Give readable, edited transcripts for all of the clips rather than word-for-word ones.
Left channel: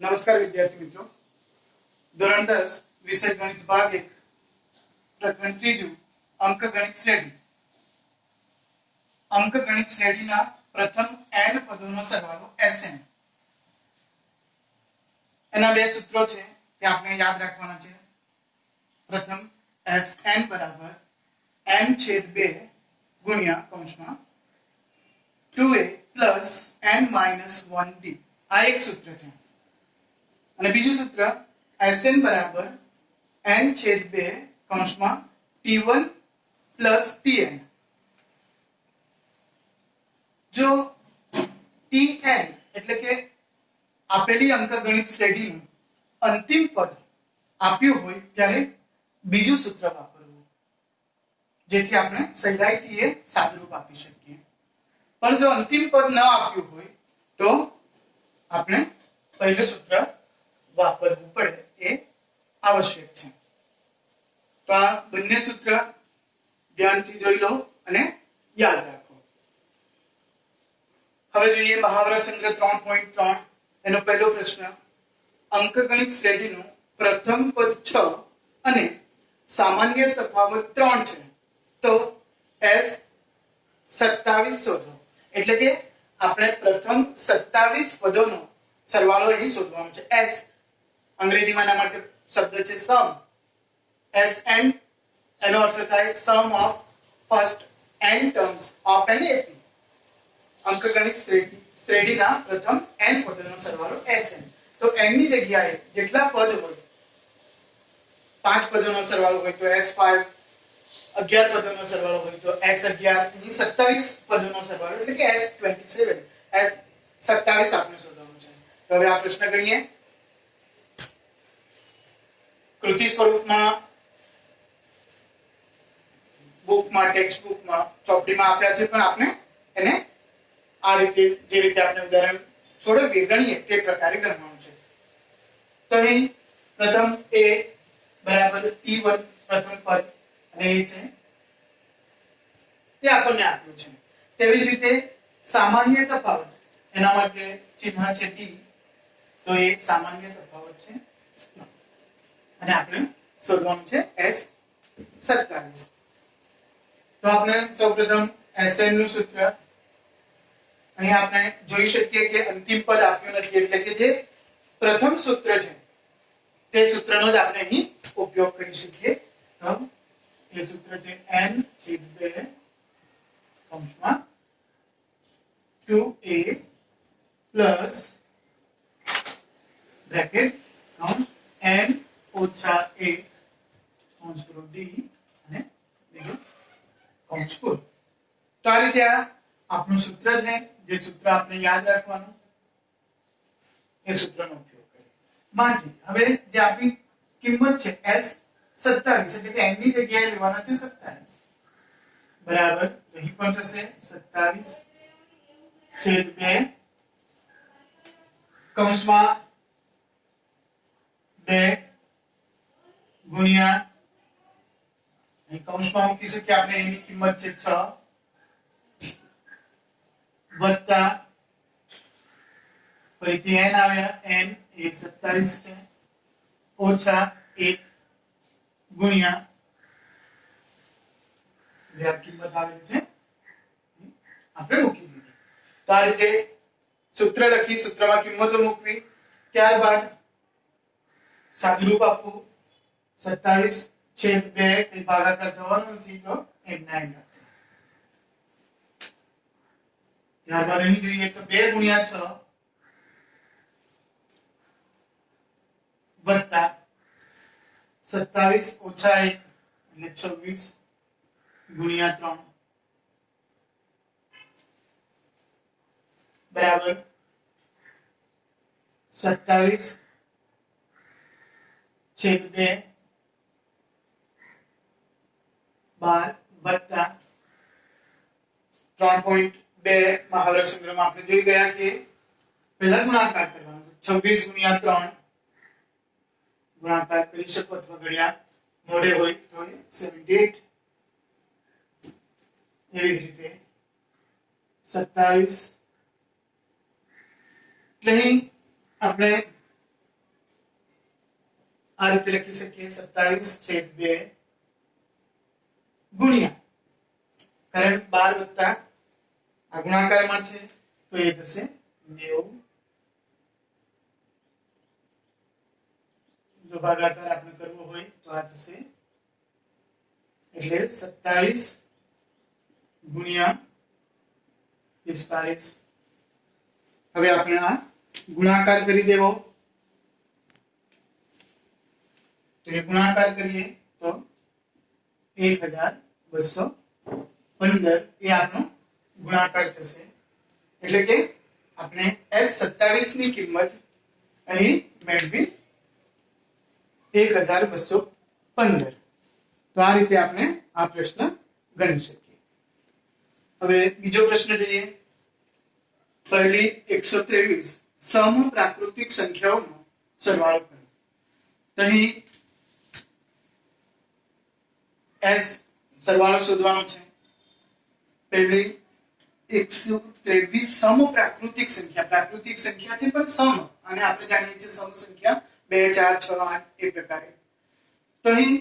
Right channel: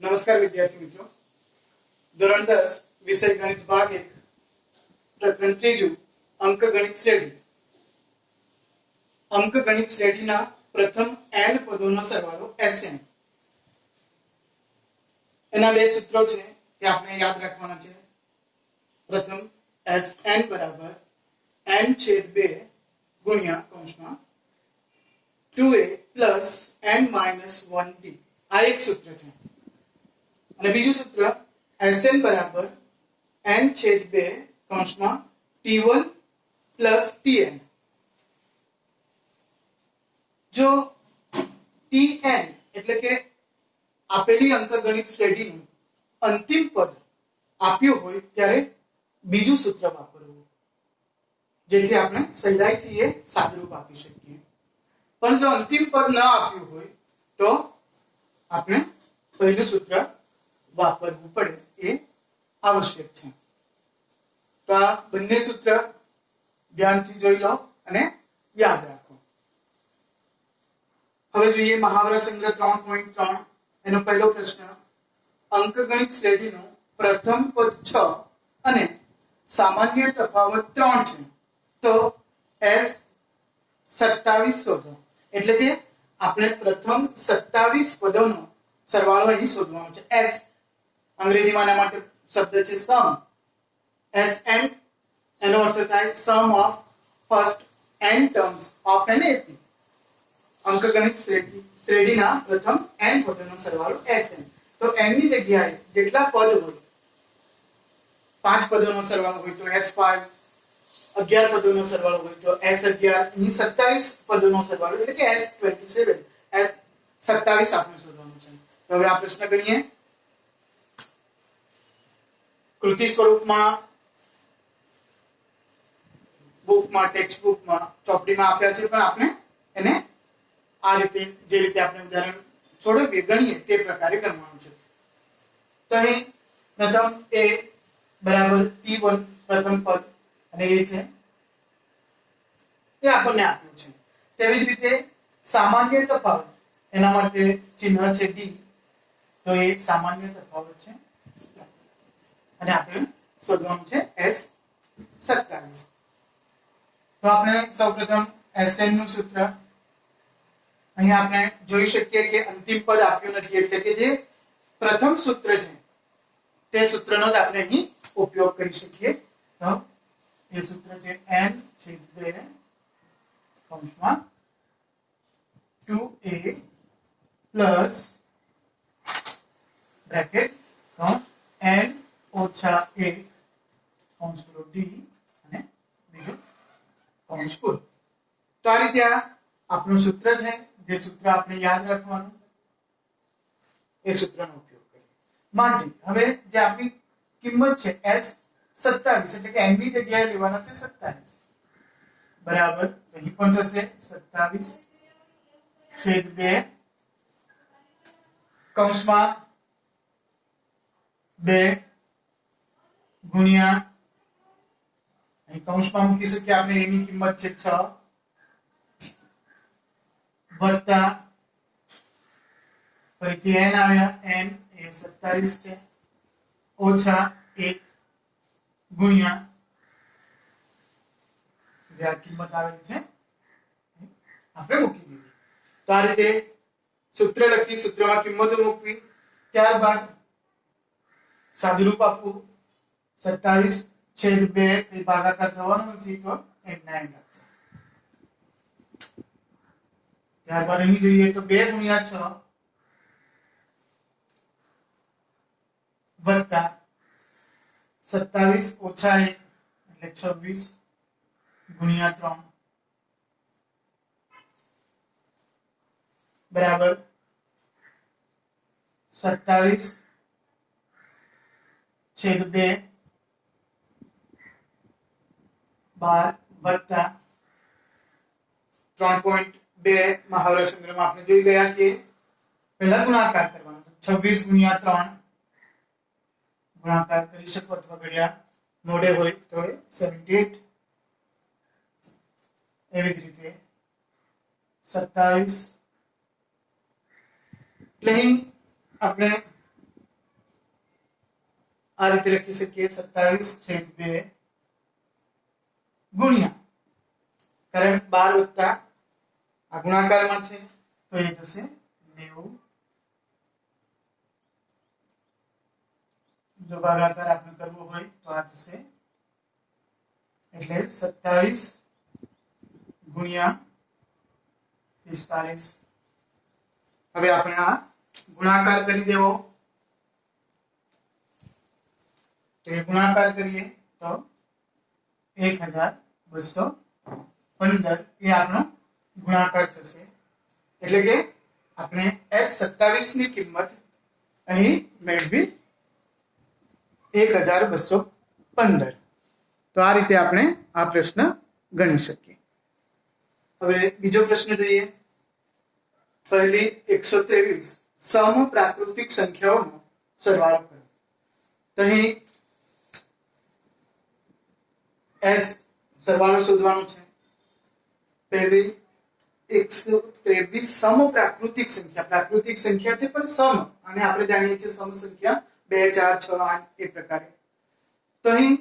नमस्कार विद्यार्थी मित्रों, ધોરણ 10 વિષય ગણિત ભાગ 1 પ્રકરણ 3 અંકગણિત શ્રેણી. અંકગણિત શ્રેણીના પ્રથમ n પદોનો સરવાળો Sn. એના બે સૂત્રો છે તે આપણે યાદ રાખવાના છે. પ્રથમ Sn બરાબર n/2 ગુણ્યા કૌંસમાં 2a plus n minus 1d. આ એક સૂત્ર છે. અને બીજું સૂત્ર Sn બરાબર n/2 કૌંસમાં t1 પ્લસ tn. જો tn એટલે કે આપેલી અંકગણિત શ્રેણીનું અંતિમ પદ આપ્યું હોય ત્યારે બીજું સૂત્ર વાપરવું, જેથી આપણે સહેલાઈથી એ સાદુરૂપ આપી શકીએ. પણ જો અંતિમ પદ ન આપ્યું હોય તો આપણે પહેલું સૂત્ર વાપરવું પડે, એ આવશ્યક છે. તો આ બંને સૂત્ર ધ્યાનથી જોઈ લો અને યાદ રાખો. હવે જોઈએ મહાવરા સંગ્રહ 3.3. એનો પહેલો પ્રશ્ન, અંકગણિત શ્રેણીનું પ્રથમ પદ 6 અને સામાન્ય તફાવત 3 છે, તો S27 શોધો. એટલે કે આપણે પ્રથમ 27 પદોનો સરવાળો અહીં શોધવાનો છે. S અંગ્રેજીમાં આના માટે શબ્દ છે સમ. Sn એનો અર્થ થાય sum of first n terms of an AP. અંકગણિત શ્રેણીના પ્રથમ n પદોનો સરવાળો Sn. તો n ની જગ્યાએ જેટલા પદ હોય, 5 પદોનો સરવાળો હોય તો S5, 11 પદોનો સરવાળો હોય તો S11, 27 પદોનો સરવાળો એટલે કે S27. S27 આપણે શોધવાનું છે. તો હવે આ પ્રશ્ન ગણીએ. કૃતિ સ્વરૂપમાં બુકમાં, ટેક્સ્ટ બુકમાં, ચોપડીમાં આપ્યા છે, પણ આપણે એને આ રીતે જે રીતે આપણે ઉદાહરણ છોડવીએ ગણીએ તે પ્રકારે ગણવાનું છે. તો અહીં પ્રથમ a બરાબર t1 પ્રથમ પદ અને એ છે તે આપણને આપ્યું છે. તેવી જ રીતે સામાન્ય તફાવત, એના માટે ચિહ્ન છે d, તો એ સામાન્ય તફાવત છે અને આપણે શોધવાનું છે S27. તો આપણે સૌપ્રથમ Sn નું સૂત્ર અહીં આપણે જોઈ શકીએ કે અંતિમ પદ આપ્યું નથી, એટલે કે જે પ્રથમ સૂત્ર છે તે સૂત્રનો જ આપણે અહીં ઉપયોગ કરી શકીએ. તો એ સૂત્ર છે n/2 કૌંસમાં 2a પ્લસ બ્રેકેટ કૌંસ n ઓછા 1 કૌંસ પૂરો d અને બીજું કૌંસ પૂરો. તો આ રીતે આપણું સૂત્ર છે. જે સૂત્ર આપણે યાદ રાખવાનું, એ સૂત્રનો ઉપયોગ કરીએ. માટે હવે જે આપણી કિંમત છે S27, એટલે કે n ની જગ્યાએ લેવાના છે 27 બરાબર. અહીં પણ થશે 27/2 કૌંસમાં 2 ગુણ્યા, અહીં કૌંસમાં મૂકી શકીએ આપણે, એની કિંમત છે 6 વત્તા ફરીથી n આવ્યા, n એ 27 છે, ઓછા 1 ગુણ્યા જે આ કિંમત આવેલી છે આપણે મૂકી દીધી. તો આ રીતે સૂત્ર લખી, સૂત્રમાં કિંમતો મૂકવી, ત્યારબાદ સાદુરૂપ આપવું. 27/2 એ ભાગાકાર થવાનો નથી, તો n ના n. ત્યારબાદ અહીં જોઈએ તો 2 ગુણ્યા 6 વત્તા 27 ઓછા 1 એટલે 26 ગુણ્યા 3 બરાબર 27/2 વત્તા 3.2 મહાવરા સંગ્રહમાં આપણે જોઈ ગયા કે પહેલા ગુણાકાર કરવાનો, 26 ગુણ્યા 3 ગુણાકાર કરી શકો અથવા ઘડિયા મોડે હોય તો 78. એવી જ રીતે 27 એટલે અહીં આપણે આ રીતે લખી શકીએ 27/2 ગુણ્યા, કારણ 12 વત્તા આ ગુણાકારમાં છે તો એ થશે 90. જો ભાગાકાર આપણે કરવો હોય તો આ થશે, એટલે 27 ગુણ્યા 45. હવે આપણે આ ગુણાકાર કરી દેવો, તો એ ગુણાકાર કરીએ તો 1215 એ આપણો ગુણાકાર થશે. એટલે કે આપણે S27 ની કિંમત અહીં મેળવી 1215. તો આ રીતે આપણે આ પ્રશ્ન ગણી શકીએ. હવે બીજો પ્રશ્ન જોઈએ. પહેલી 123 સમપ્રાકૃતિક સંખ્યાઓનો સરવાળો કરો. તો અહીં S સરવાળો શોધવાનો છે. પહેલી 123 સમપ્રાકૃતિક સંખ્યા, પ્રાકૃતિક સંખ્યા છે પણ સમ, અને આપણે જાણીએ છીએ સમ સંખ્યા 2 4 6 8 એ પ્રકારે. તો અહીં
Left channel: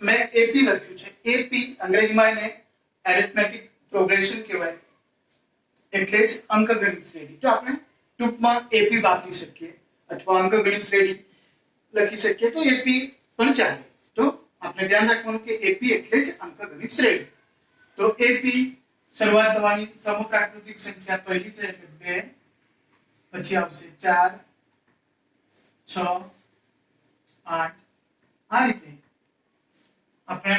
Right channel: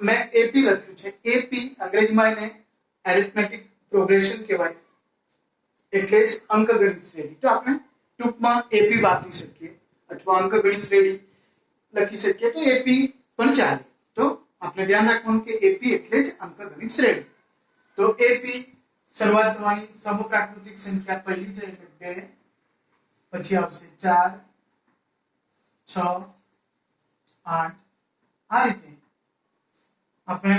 મેં AP લખ્યું છે. AP અંગ્રેજીમાં એને એરિથમેટિક પ્રોગ્રેશન કહેવાય, એટલે જ અંકગણિત શ્રેણી. તો આપણે ટૂંકમાં AP વાપરી શકીએ અથવા અંકગણિત શ્રેણી લખી શકીએ તો AP પણ ચાલે. તો આપણે ધ્યાન રાખવાનું કે AP એટલે જ અંકગણિત શ્રેણી. તો AP શરૂઆત થવાની સમપ્રાકૃતિક સંખ્યા પહેલી છે એટલે 2, પછી આવશે 4 6 8. આ રીતે આપણે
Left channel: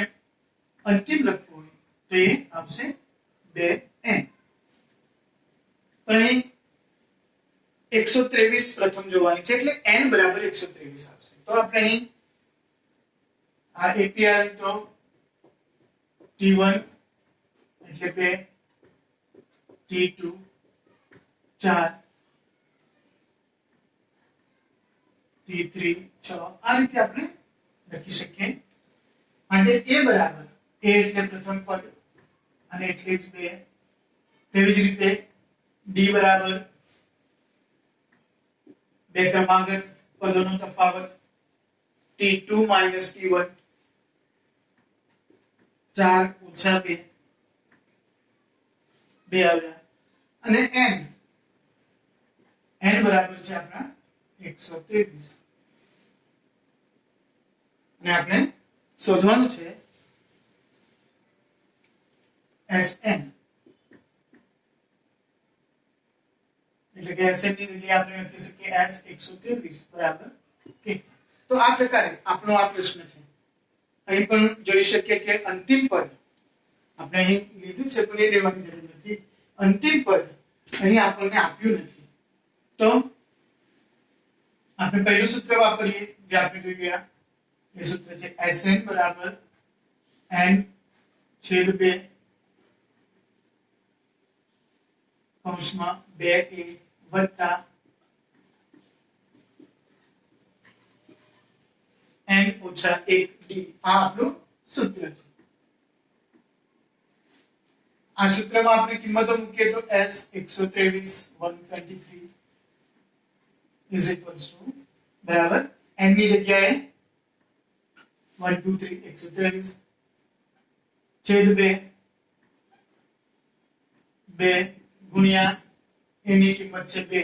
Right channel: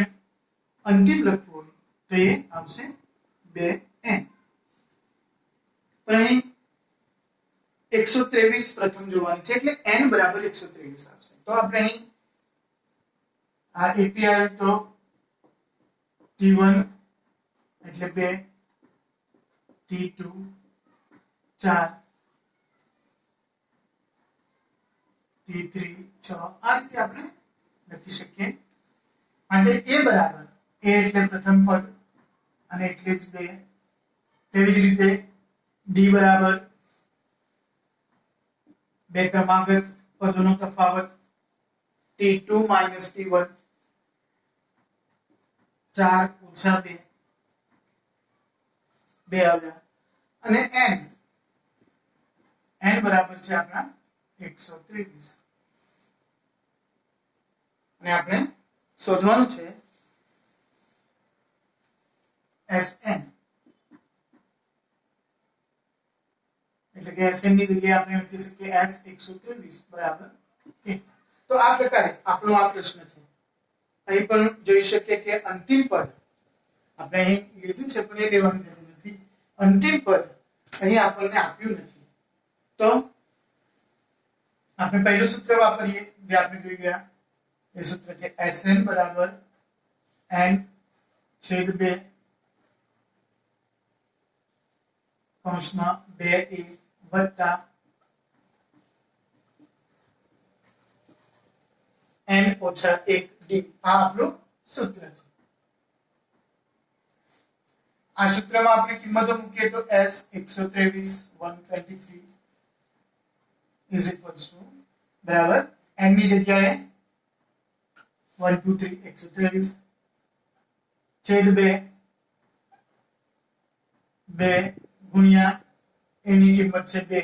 અંતિમ લખવું હોય તો એ આવશે 2n. અહીં 123 પ્રથમ જોવાની છે એટલે n બરાબર 123 આવશે. તો આપણે અહીં આ AP આવે તો T1 એટલે 2, T2 4, T3 6. આ રીતે આપણે લખી શકીએ. અને A બરાબર, A એટલે પ્રથમ પદ અને એટલે જ 2. તેવી જ રીતે D બરાબર 2 ક્રમાંકિત પદોનો તફાવત, T2 - T1 4 - 2 આવ્યા. અને n બરાબર છે આપણા 123. અને આપણે શોધવાનું છે Sn. એટલે કે Sn ની જગ્યાએ આપણે લખી શકીએ S 123 બરાબર k. તો આ પ્રકારે આપણો આ પ્રશ્ન છે. અહીં પણ જોઈ શકીએ કે અંતિમ પદ આપણે અહીં લીધું છે પણ એ લેવાની જરૂર નથી. અંતિમ પદ અહીં આપણને આપ્યું નથી. તો આપણે પહેલું સૂત્ર વાપરીએ જે આપણે જોઈ ગયા. એ સૂત્ર છે Sn બરાબર n/2 કૌંસમાં 2a વત્તા n - 1d. આ આપણું સૂત્ર છે. આ સૂત્રમાં આપણે કિંમતો મૂકીએ તો S 123 123 is equals to બરાબર n ની જગ્યાએ 1 2 3 123 છેદ 2 ગુણ્યા એની કિંમત છે 2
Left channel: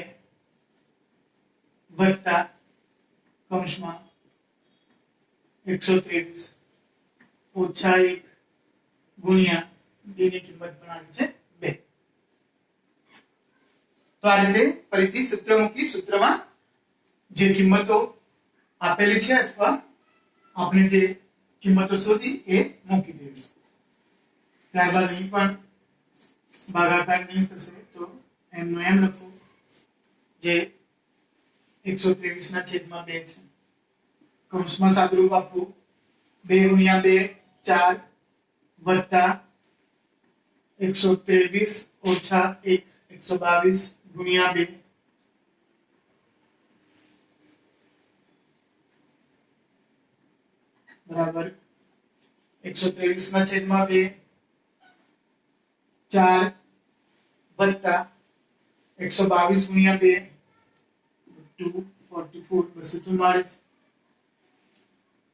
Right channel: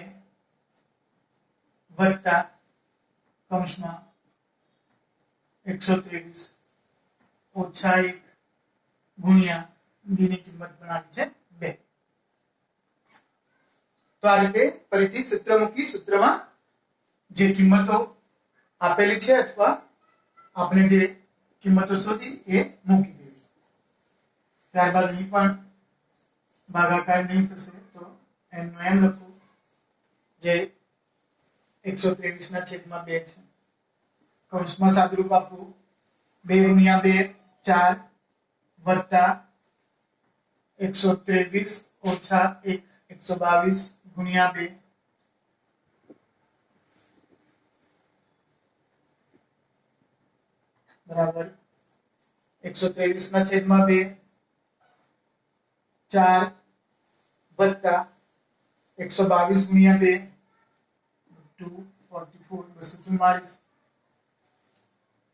વત્તા કૌંસમાં 123 ઓછા 1 ગુણ્યા d ની કિંમત પણ આવી છે 2. તો આ રીતે ફરીથી સૂત્ર મૂકી સૂત્રમાં જે કિંમતો આપેલી છે અથવા આપણે જે કિંમતો શોધી એ મૂકી દેવી. ત્યારબાદ અહીં પણ ભાગાકાર નહીં થશે તો m નો m લખવું જે 123 ના છેદમાં 2 છે. કૌંસમાં સાદુરૂપ આપવું 2 ગુણ્યા 2 4 વત્તા 123 ઓછા 1 122 ગુણ્યા 2 બરાબર 123 ના છેદમાં 2 4 વત્તા 122 ગુણ્યા 2 244 244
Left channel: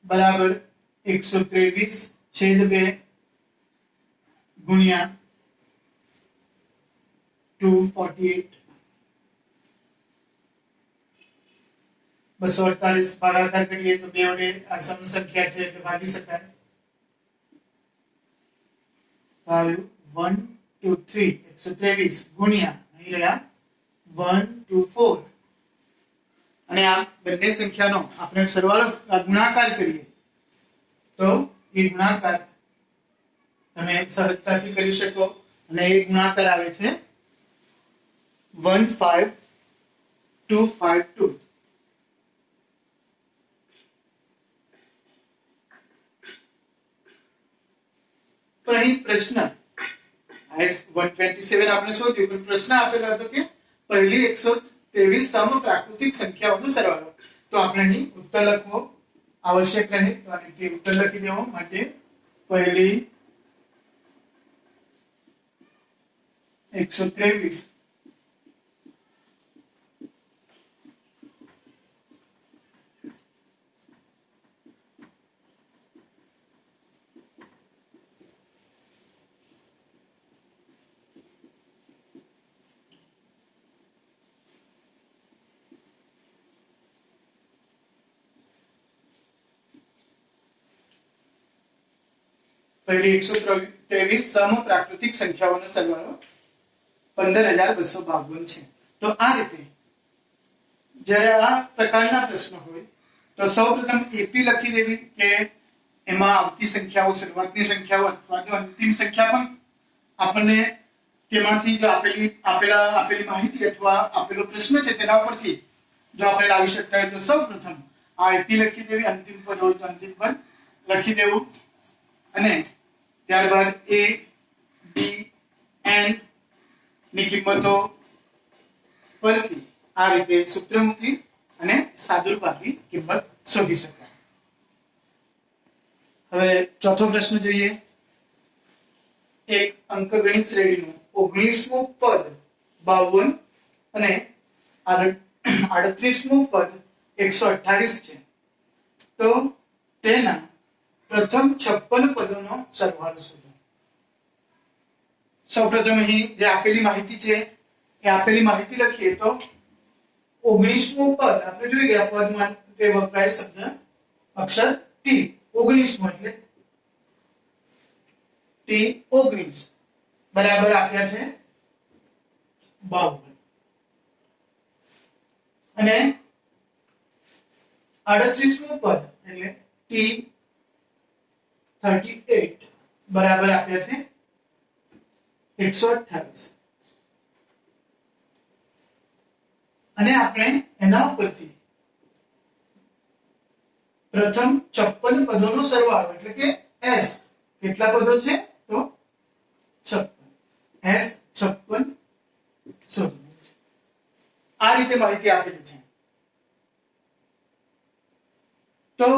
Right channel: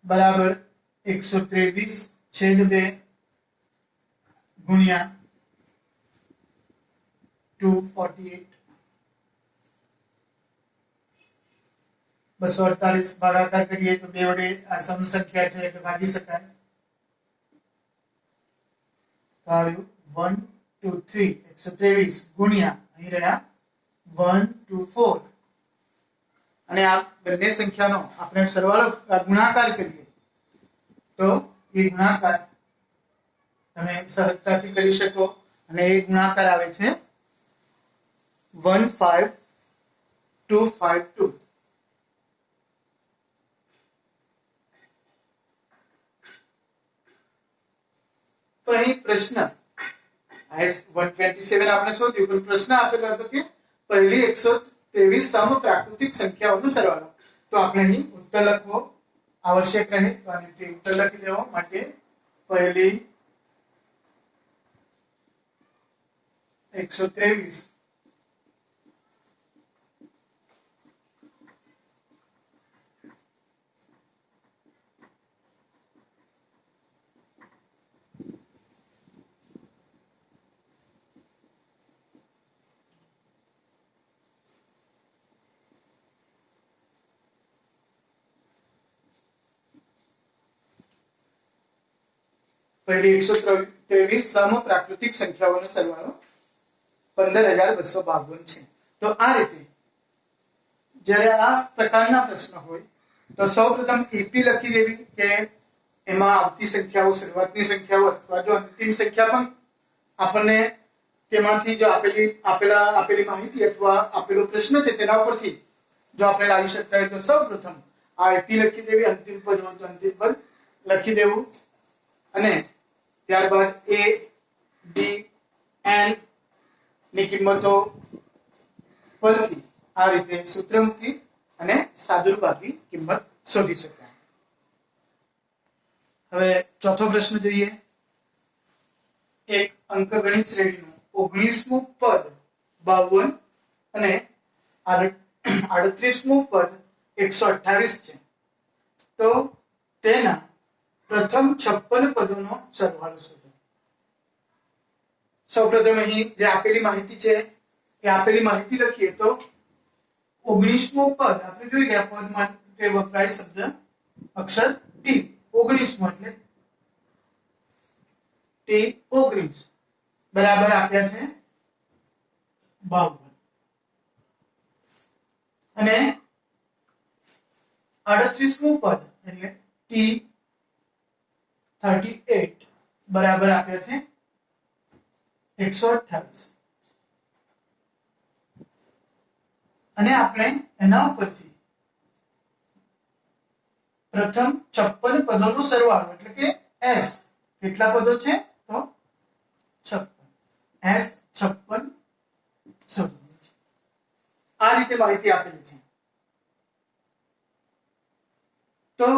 बराबर 123/2 गुणिया 248 248 ભાગાકાર કરીએ તો બે વડે આ સમ સંખ્યા છે એટલે ભાગી શકાય. તો આવ્યું 1 2 3 123 ગુણ્યા અહીં રહ્યા 1 2 4 અને આ બંને સંખ્યાનો આપણે સરવાળો ગુણાકાર કરીએ તો એ ગુણાકાર તમે સહજતાથી કરી શકો અને એ ગુણાકાર આવે છે 15252. તો અહીં પ્રશ્ન S127 આપણે શોધ્યું પણ પ્રશ્ન આપેલો હતો કે પહેલી 123 સમપ્રાકૃતિક સંખ્યાઓનો સરવાળો. તો આપણે અહીં ઉત્તર લખવો આવશ્યક રહે અને તે ઉત્તર લખી દેવો માટે પહેલી 123 પહેલી 123 સમપ્રાકૃતિક સંખ્યાઓનો સરવાળો 15252 છે. તો આ રીતે જ્યારે આ પ્રકારના પ્રશ્ન હોય તો સૌપ્રથમ એપી લખી દેવી કે એમાં આવતી સંખ્યાઓ શરૂઆતની સંખ્યાઓ અથવા જો અંતિમ સંખ્યા પણ આપણને તેમાંથી જો આપેલી માહિતી અથવા આપેલો પ્રશ્ન છે તેના ઉપરથી જો આપણે લાવી શકતા હોય તો સૌપ્રથમ આ એપી લખી દેવી, અંતિમ પદ હોય તો અંતિમ પદ લખી દેવું અને ત્યારબાદ a b n ની કિંમતો પરથી આ રીતે સૂત્ર મૂકી અને સાદુરૂપાથી કિંમત શોધી શકાય. હવે ચોથો પ્રશ્ન જોઈએ. એક અંકગણિત શ્રેણીનું 19મું પદ 52 અને 38મું પદ 128 છે. તો તેના પ્રથમ 56 પદોનો સરવાળો શોધો. સૌપ્રથમ અહીં જે આપેલી માહિતી છે એ આપેલી માહિતી લખીએ તો 19મું પદ આપણે જોઈ ગયા પદમાં તે વપરાય શબ્દ અક્ષર ટી. 19મું એટલે ટી 19 બરાબર આપ્યા છે 52 અને 38મું પદ એટલે ટી 38 બરાબર આપ્યા છે 128 અને આપણે એના ઉપરથી પ્રથમ 56 પદોનો સરવાળો એટલે કે s કેટલા પદો છે તો 56 s 56 શોધવું છે. આ રીતે માહિતી આપેલી છે. તો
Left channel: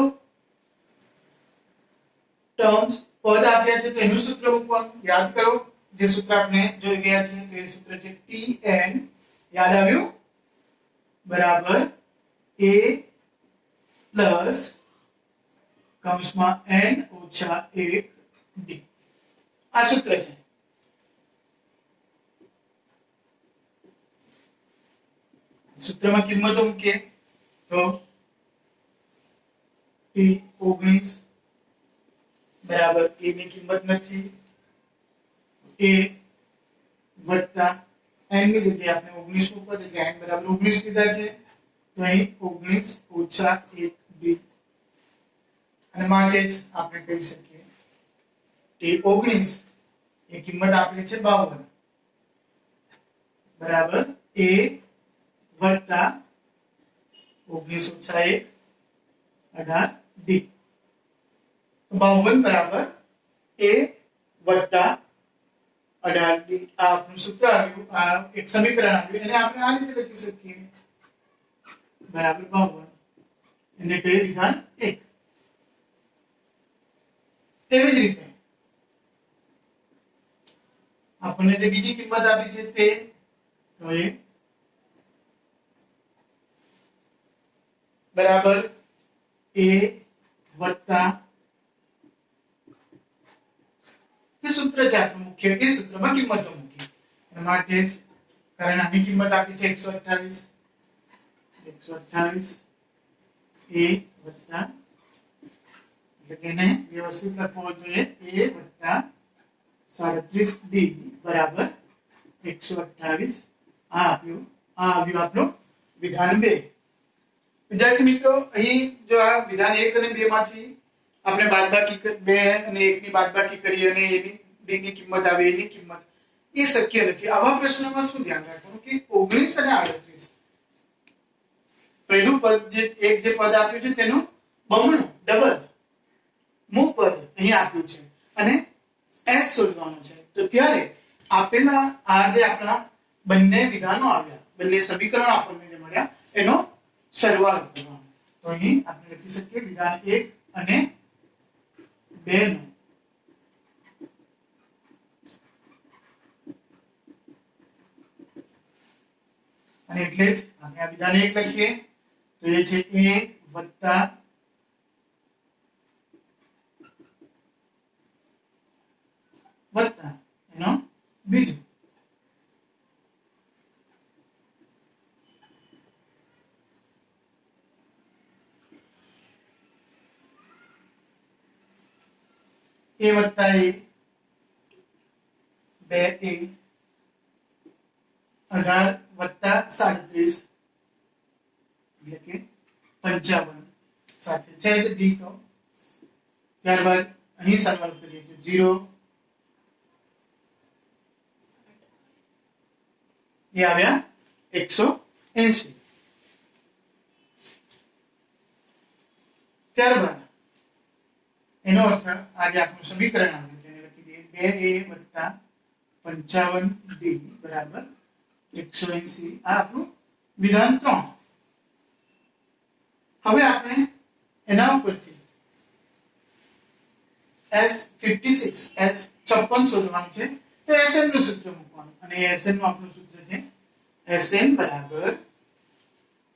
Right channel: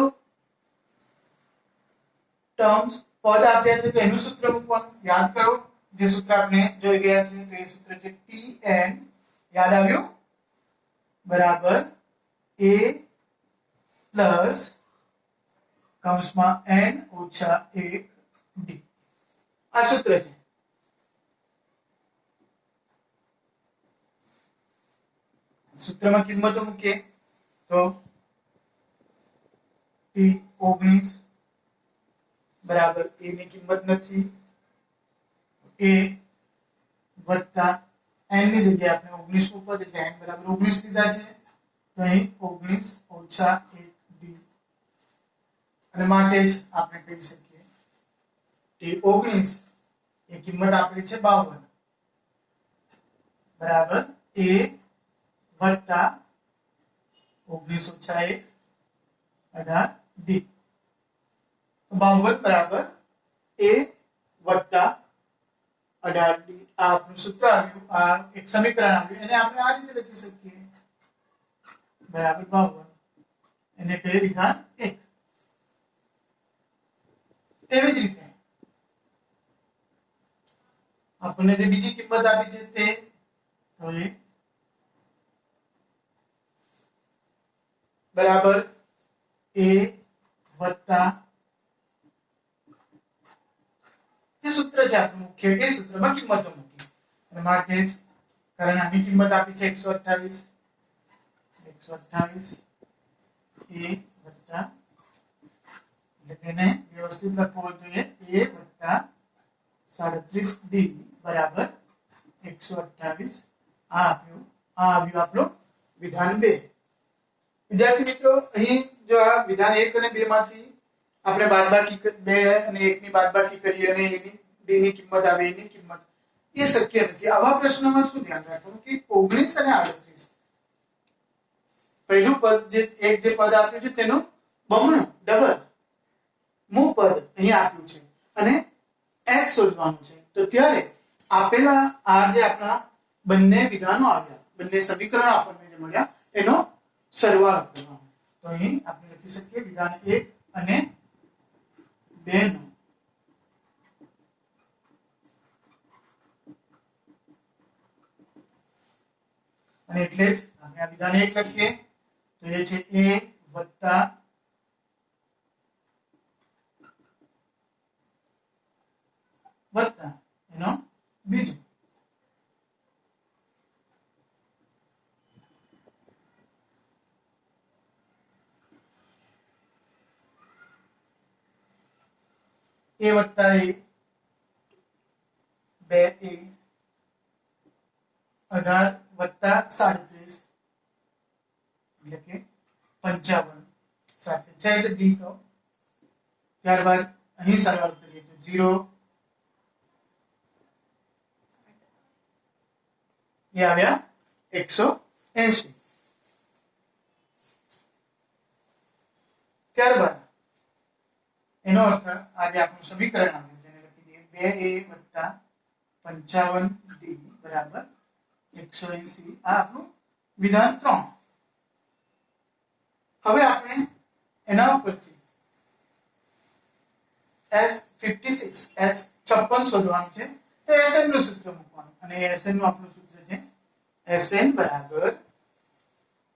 ટર્મ્સ પદ આપ્યા છે તો એનું સૂત્ર મૂકવાનું યાદ કરો. જે સૂત્ર આપણે જોઈ ગયા છે તો એ સૂત્ર છે tn યાદ આવ્યું બરાબર a પ્લસ કૌંસમાં n ઓછા 1 d. આ સૂત્ર છે. સૂત્રમાં કિંમતો મૂકીએ તો t19 બરાબર a ની કિંમત નથી a વત્તા n ની જગ્યાએ આપણે 19 પદ એટલે n બરાબર 19 લીધા છે તો અહીં 19 ઓછા 1 d અને માટે જ આપણે કહી શકીએ t19 એ કિંમત આપેલી છે 52 બરાબર a વત્તા 19 ઓછા 1 18 d. 52 બરાબર a વત્તા 18 d. આ આપણું સૂત્ર આવ્યું. આ એક સમીકરણ આવ્યું એને આપણે આ રીતે લખી શકીએ બરાબર 52 એને કઈ વિધાન 1. તેવી જ રીતે આપણને જે બીજી કિંમત આપી છે તે હવે બરાબર a વત્તા જે સૂત્ર છે આપણું મુખ્ય એ સૂત્રમાં કિંમતો મૂકી અને માટે જ કારણ આની કિંમત આપી છે 128 a વત્તા એટલે કે એને વ્યવસ્થિત લખવો જોઈએ a વત્તા 37b બરાબર 128 આ આવ્યું આપણું વિધાન 2. વિદ્યાર્થી મિત્રો અહીં જો આ વિધાન 1 અને 2 માંથી આપણે બાદબાકી 2 અને 1 ની બાદબાકી કરી અને એની b ની કિંમત આવે એની કિંમત એ શક્ય નથી. આવા પ્રશ્નમાં શું ધ્યાન રાખવાનું કે 19 અને 38 પહેલું પદ જે પદ આપ્યું છે તેનું બમણું ડબલ મૂળ પદ અહીં આપ્યું છે અને s શોધવાનું છે. તો ત્યારે આપેલા આ જે આપણા બંને વિધાનો આવ્યા બંને સમીકરણો આપણને જે મળ્યા એનો સરવાળો કરવાનો. તો અહીં આપણે લખી શકીએ વિધાન 1 અને 2 નો અને એટલે જ આપણે આ વિધાન 1 લખીએ તો એ છે a વત્તા એનો બીજો a વત્તા a 2a 18 વત્તા 37 એટલે કે 55 સાથે છે જ d તો ત્યારબાદ અહીં સરવાળો કરીએ તો 0 ये આવ્યા 180. ત્યારબાદ એનો અર્થ આજે આપણું સમીકરણ આવ્યું તેને લખી દઈએ 2a 55b બરાબર 180 આ આપણું વિધાન 3. હવે આપણે એના ઉપરથી S56 શોધવાનું છે તો SN નું સૂત્ર મૂકવાનું અને SN નું આપણું સૂત્ર છે SN બરાબર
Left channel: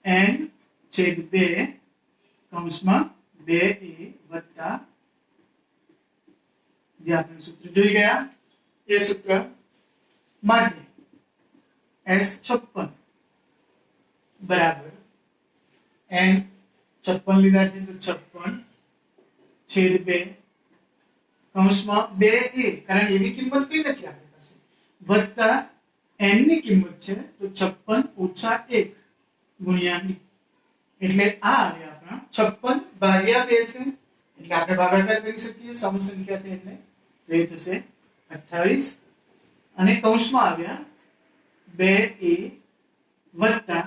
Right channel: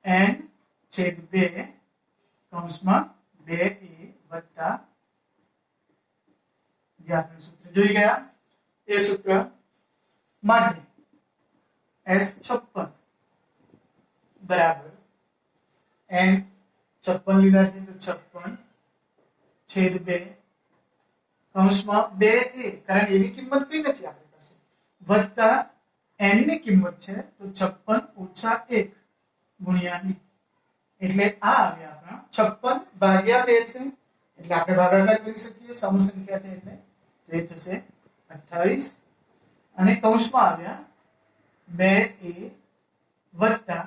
n/2 કૌંસમાં 2a વત્તા જે આપણે સૂત્ર જોઈ ગયા એ સૂત્ર માટે S56 બરાબર n56 લીધા છે તો 56/2 કૌંસમાં 2a કારણ એની કિંમત કઈ નથી આપણી પાસે વત્તા n ની કિંમત છે તો 56 - 1 ગુણ્યા b એટલે આ આવે આપણા 56/2 છે એટલે આપણે ભાગાકાર કરી શકીએ સમસંખ્યા છે એટલે એ થશે 28 અને કૌંસમાં આવ્યા 2a વત્તા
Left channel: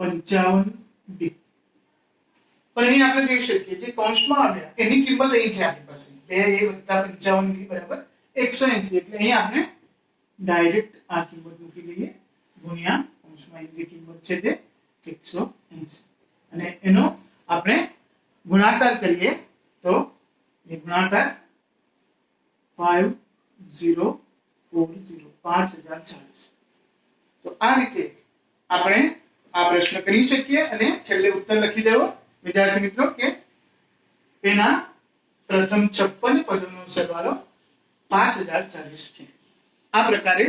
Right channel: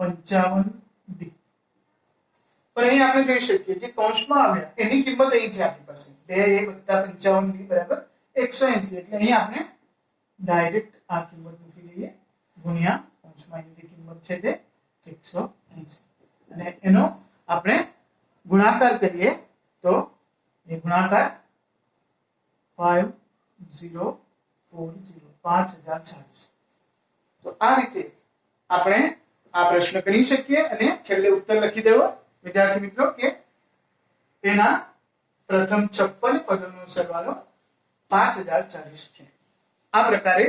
55b. પણ અહીં આપણે જોઈ શકીએ જે કૌંસમાં આવ્યા એની કિંમત અહીં છે આપણી પાસે 2a વત્તા 55b બરાબર 180 એટલે અહીં આપણે ડાયરેક્ટ આ કિંમત મૂકી દઈએ ગુણ્યા કૌંસમાં જે કિંમત છે તે 180 અને એનો આપણે ગુણાકાર કરીએ તો એ ગુણાકાર 5040 તો આ રીતે આપણે આ પ્રશ્ન કરી શકીએ અને છેલ્લે ઉત્તર લખી દેવો વિદ્યાર્થી મિત્રો કે એના પ્રથમ 56 પદોનો સરવાળો 5040 છે. આ પ્રકારે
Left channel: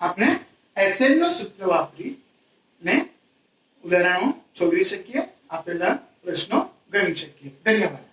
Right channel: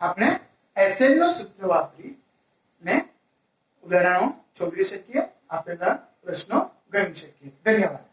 આપણે SN નો સૂત્ર વાપરીને ઉદાહરણો સોંપી શકીએ આપેલા પ્રશ્નો ગણી શકીએ. ધન્યવાદ.